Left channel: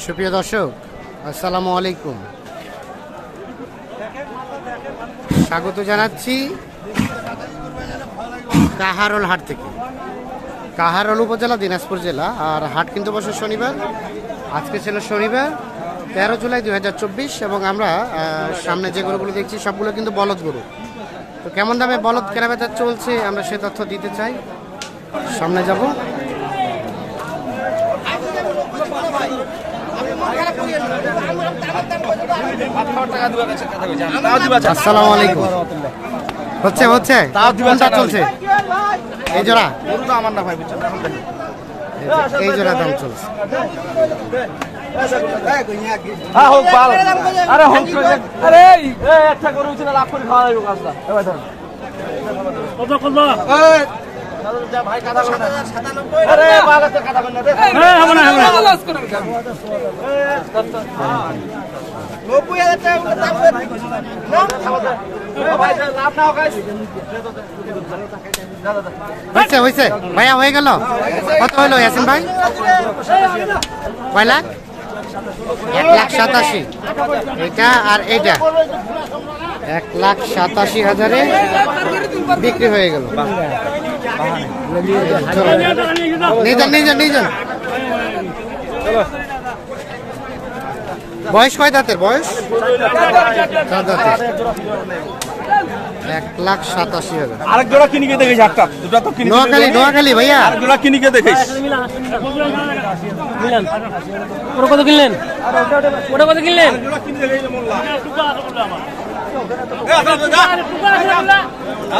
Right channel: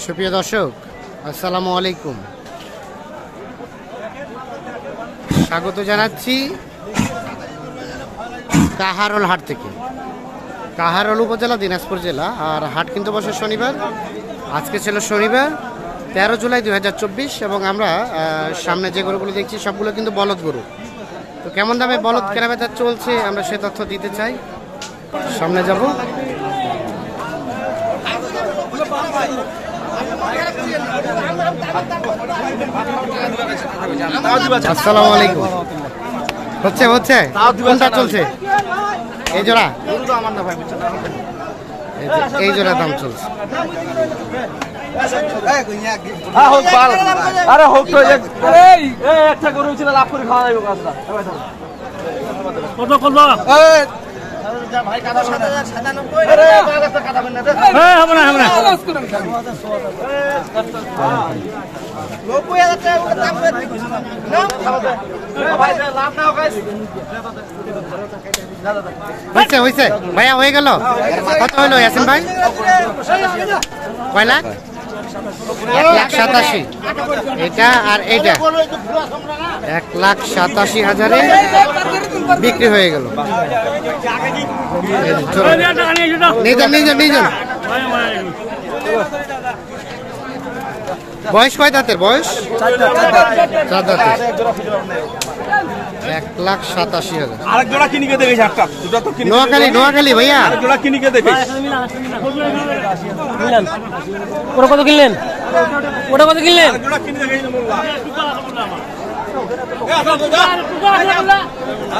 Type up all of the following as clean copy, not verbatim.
সুপ্রিয় দর্শক, আসসালামু আলাইকুম। স্বাগত জানাচ্ছি কাহারোল হাট থেকে। কাহারোল উপজেলা, দিনাজপুর জেলা। আর হাট কিন্তু বসে শনিবার। আজকে ছিল শনিবার 13 জুলাই 2024 এবং আমরা সামনে যে গরুগুলো দেখছি সবগুলো কিন্তু বলদ গরু। তো কেমন দামে বলদ কেনাবেচা চলছে আমরা সে তথ্য দিতে চাই। সামনে যাব। আসসালামু আলাইকুম। হচ্ছে হচ্ছে কোনটা চলছে? এই জোড়া, এই জোড়া দাম চলছে। হয়েছে ভাইয়া, হয়ে গেল। কত হইলো ইয়াসিন ভাই? কয় লাখ? 1,87,000। এটা আর এইটা 1,87,000 বিক্রি হয়ে গেল। নিয়ে যান। বয়স কয় দাঁতের? বয়স 4 দাঁতের। 1,87,000। আরেক জোড়া কিনিকে দেখিস একটা, দুটো তো কিনি। নোয়াখালী ভাইয়া, আরেক জোড়া কিনিকে দেখিস। ওটা কত কিনলেন? ওটা কত কিনলেন? জোড়া কিনি দেখিস মোল্লা।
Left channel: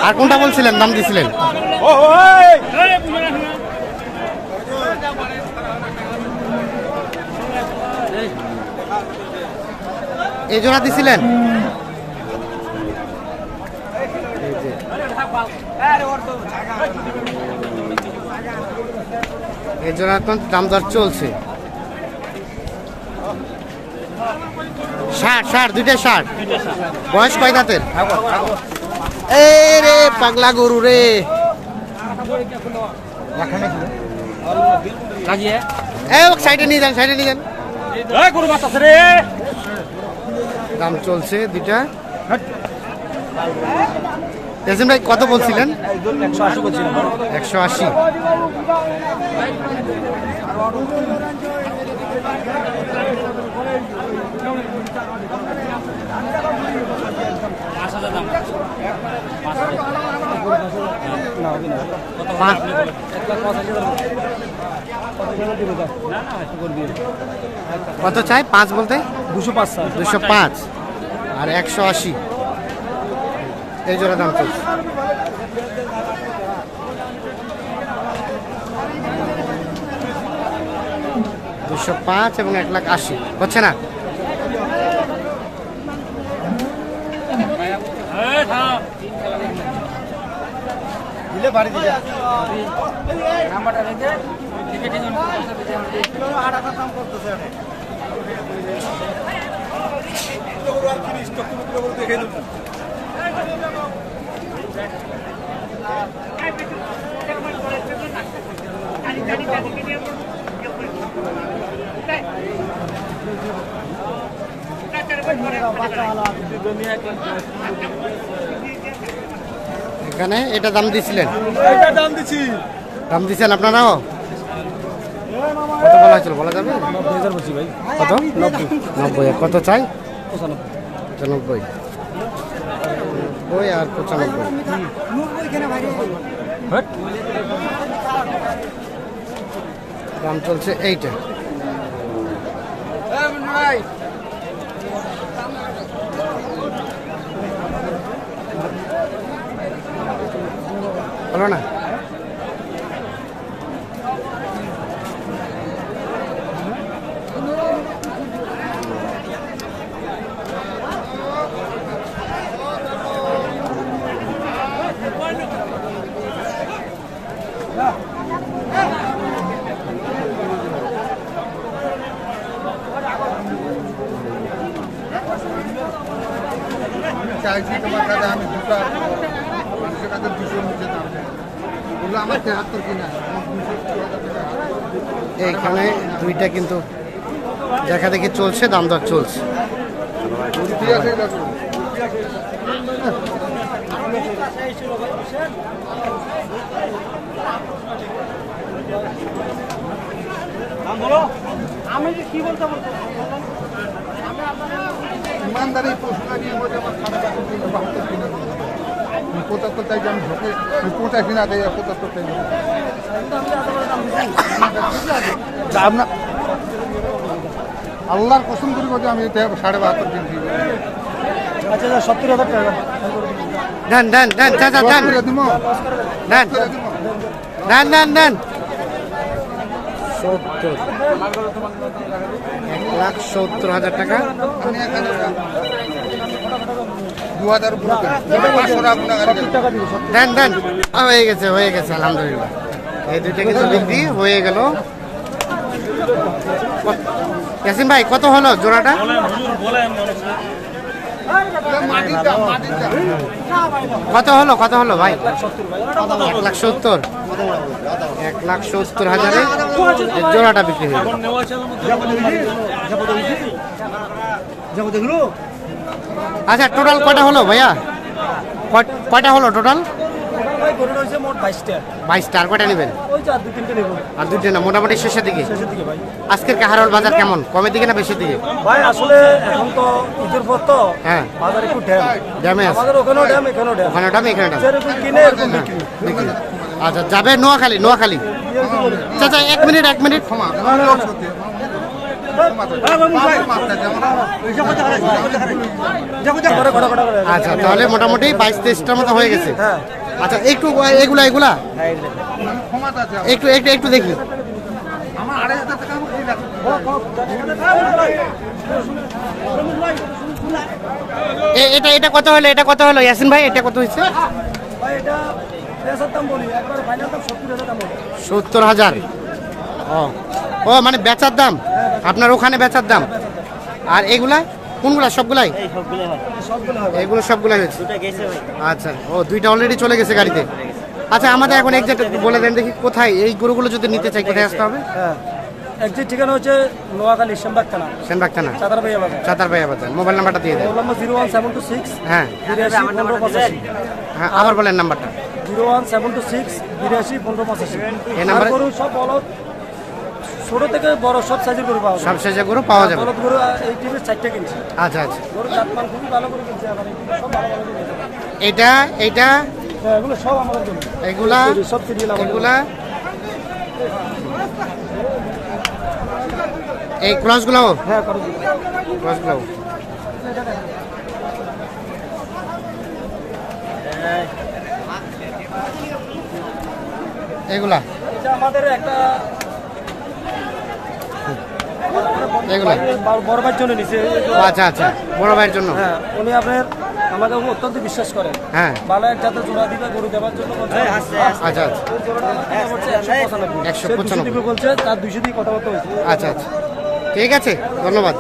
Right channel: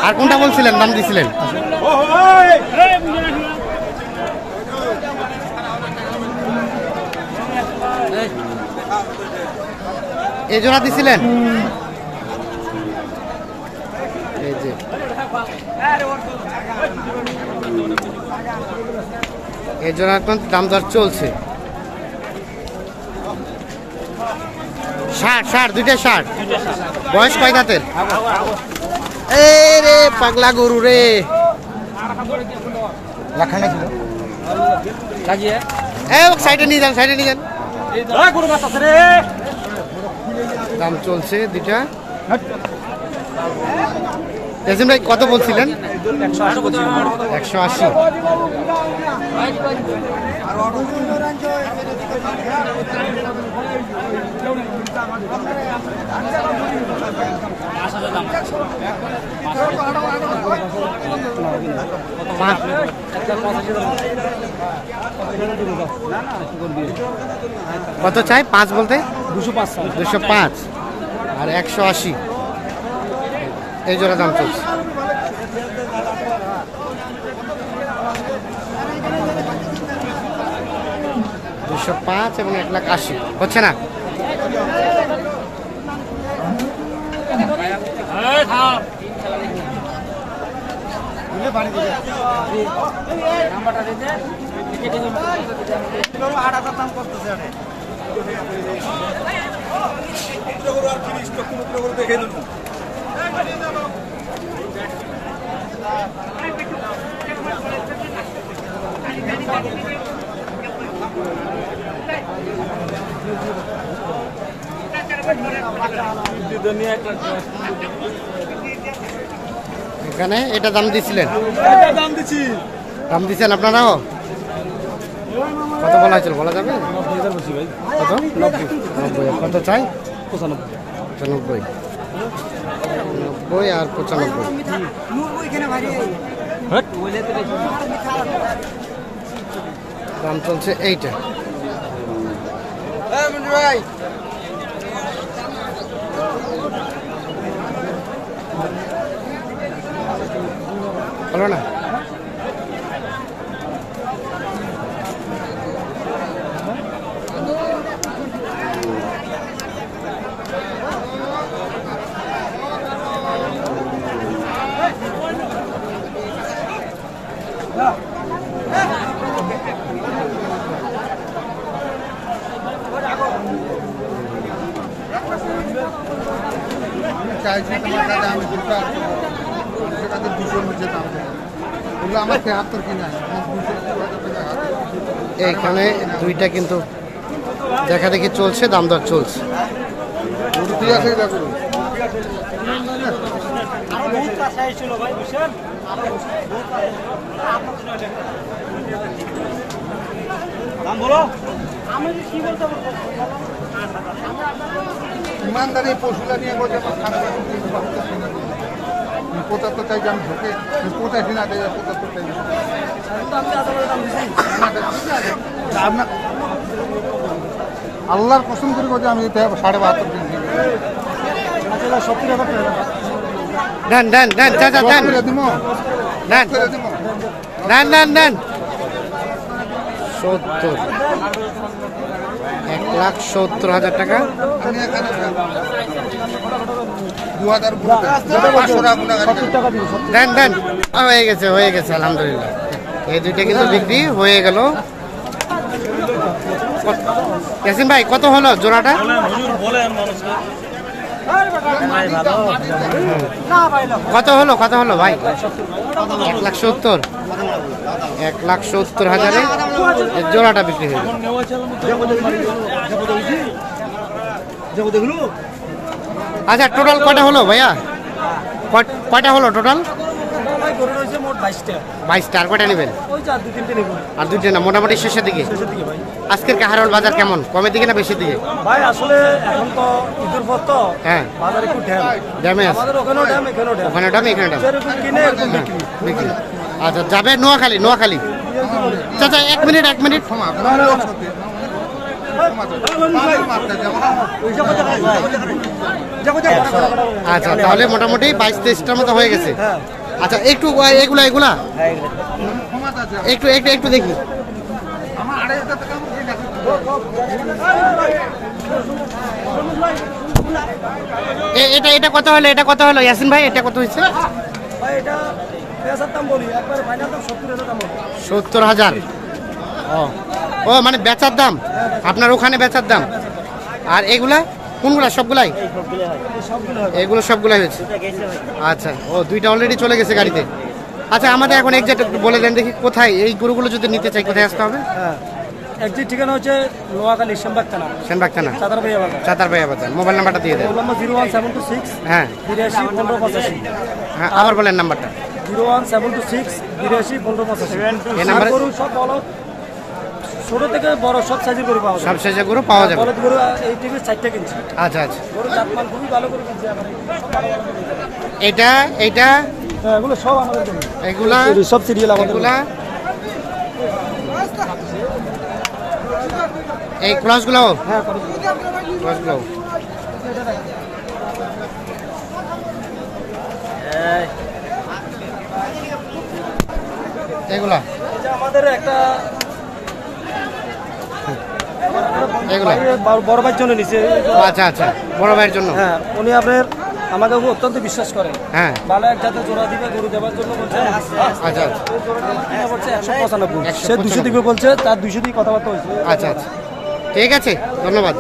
আর কোনটা বলছিলেন দাম দিছিলেন? এই জোড়া দিছিলেন? এই যে এই জোড়া এখন দাম দর চলছে। 60 দুইটা 60। বয়স কয় দাঁতের? এই রে পাগলা গরু রে। সাইডে নিয়ে যান। দাম চলছে দুইটা। ইয়াসিন ভাই কত বলছিলেন? 180। কত চাই? 5 বলতে 205 আর 180। এই জোড়া দাম চলছে। $205 এবং 1,80,000 হচ্ছে না। এখানে এটা দাম দিছিলেন? দাম দিচ্ছেন আপনারাও? কত বলা হয়েছিল? বলা যাবে? 90,000 বলছি ভাই। কত? 90। কত চাই? 95। 90 আর 95। দাম চলছে এইটা। হলো না? চাইছি তোমার কাছে আমি দুটো আর মানুষের কাছে 200 নিচে বললো আমার 73 কিনা। এইখানে দুইটা কিন্তু দেখা দেখি চলছে, দাম দর চলছে। ইমানদারি পশুরা নিয়ে বলছে আমার খারাপ আছে, 75 চাই, আমি ঢোকে 85 না দেয়, 75 চাই। আপনার আল্লাহর কসম করে বলছে আমি 72.5 কিনছি। দেন দেন দেন চাচা দেন দিব দেন দেন দেন দেন 70, 1,70,000 টাকা। আমি এখানে 2000 পুরো 500 টাকা দিব। দেন দেন হয়ে গেছে, হয়ে গেছে, আলহামদুলিল্লাহ। এই দুইটা কিন্তু বিক্রি হয়ে গেল। ইয়াসিন ভাই কত হলো জোড়াটা? কত হলো, কত হলো ভাই? 1,70,000, 1,70,000 জোড়াটা বিক্রি হয়ে গেল। আচ্ছা টোটাল কয়টা হলো ভাইয়া? কয়টা হলো টোটাল? 22টা। আর কয়টা নেবেন? আর 2টা না, মোটামুটি শেষের দিকে। আজকের কাহারোল বাজার কেমন, কমের দিকে না বেশির দিকে? ভাই আসলে এখন তো ঈদের পর তো হ্যাঁ বাজার একটু ড্যাম, ড্যামে আছে, আমাদের ওখানেও ড্যাম, এখানেও ড্যাম, ওখানে দাম এখানে দাম যেরকম কিনে এরকম বিক্রি। বিক্রি। আচ্ছা যাবে নোয়াখালী, নোয়াখালী। চাচা 1 মিনিট, 1 মিনিট। আচ্ছা তাহলে মোটামুটি 22-23টার মতো হয়ে গেছে। হ্যাঁ আচ্ছা একটু এগুলা এগুলা একটু একটু একটু দেখি। আমার 2500 টাকা আমার কি লাগবে? এটা এটা কত হলো, এটা কত হলো ইয়াসিন ভাই, এটা কত হয়েছে? ভাই এটা পেঁয়াজের দাম বলি, একবারে ফাইনাল দাম 70,000 দাম বলি। 70,000। ও মানে বেচার দাম, আপনার ওখানে বেচার দাম। আর এগুলা কোনগুলা? সবগুলাই? এগুলো সবগুলাই হয়েছে। আচ্ছা ও 2টা অলরেডি চলে গেছে গাড়িতে। আচ্ছা আমাদের এখন এক্সাক্ট একটু বলে দেন দেখি, কোথায় এই গরুগুলো যদি নিতে চাই কোথায় আসতে হবে? হ্যাঁ একটি ঠিকানা হচ্ছে নোয়াখালী সেনবাগ থানা, সেনবাগ থানা, চাতারবাইয়া বাজার। চাতারবাইয়া বাজার। মোবাইল নাম্বারটা দিয়ে দেন। মোবাইল নম্বর 01726 হ্যাঁ 82 1585। হ্যাঁ আবার বলেন নাম্বারটা। 01726 82 1585। এই নাম্বারে গরু সব বলদ, ছোট থেকে বড় সব সাইজের গরু পাওয়া যায়। সব শেষে গরু পাওয়া যাবে। বলদ গরু এই টিভির 4টা কিনছি। আচ্ছা আচ্ছা গরু জাতমান খুবই ভালো গরু কিনছি, আবার এই সব ভালো ভালো গরু কিনছি। এটা এইটা হ্যাঁ এগুলো সব আমাদের গরু, এগুলা সব সিরিয়াল এগুলা এই ক্রসগুলো, হ্যাঁ করো। ক্রসগুলো এগুলা এটা আমাদের একটা এগুলা বড় ভাইয়ের জন্য নিচে। ও আচ্ছা আচ্ছা বড় ভাইয়ের জন্য। হ্যাঁ উনি আপনার আমাকে অত্যন্ত বিশ্বাস করেন, হ্যাঁ ভালো এক জাতের জোড়া দিবে গরু দেওয়ার জন্য বলছে। আচ্ছা এই জোড়াটা আমার কিনা পড়ছে 195, সে 200 195 দিকে বলছে, তার 200 দিয়ে কথাবার্তা হয়েছে। আচ্ছা আচ্ছা ঠিক আছে, ধন্যবাদ।